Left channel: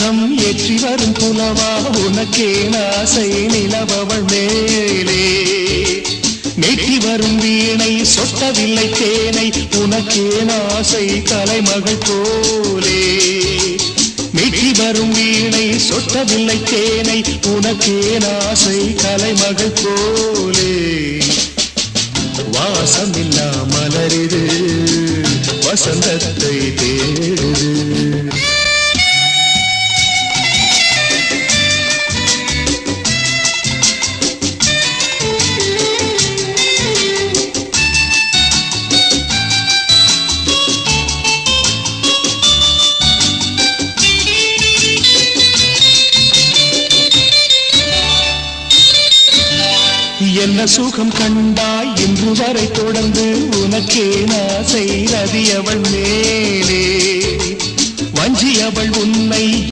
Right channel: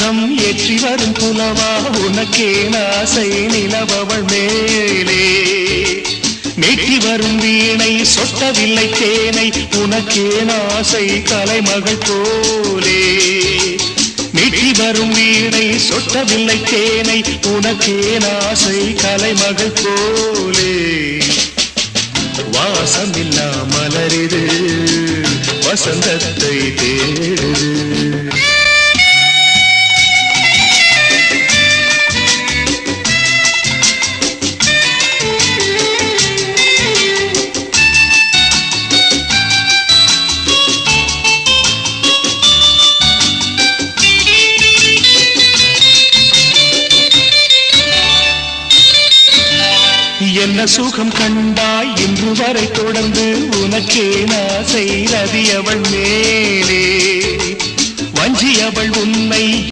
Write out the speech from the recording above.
தீபம் ஏற்றி வரும் புலவா உனக்கே ஆசை நிலவவள் மேலே மேற்றி வரும் வீணை சொட்டவில்லை தேனை உனக்கே ஆசை கலைமகள் போலே மேற்றி வரும் வீணை சொட்டவில்லை தேனை உனக்கே ஆசை கலைமகள் போலே வாசமில்லா மலரிது வசந்தத்தை தேடுது என்ன சுகம் கண்டாய் இன்று வரை தொடர்ந்து உனக்கே ஆசை ரதியவள் மேலே வஞ்சியவள் உன்னை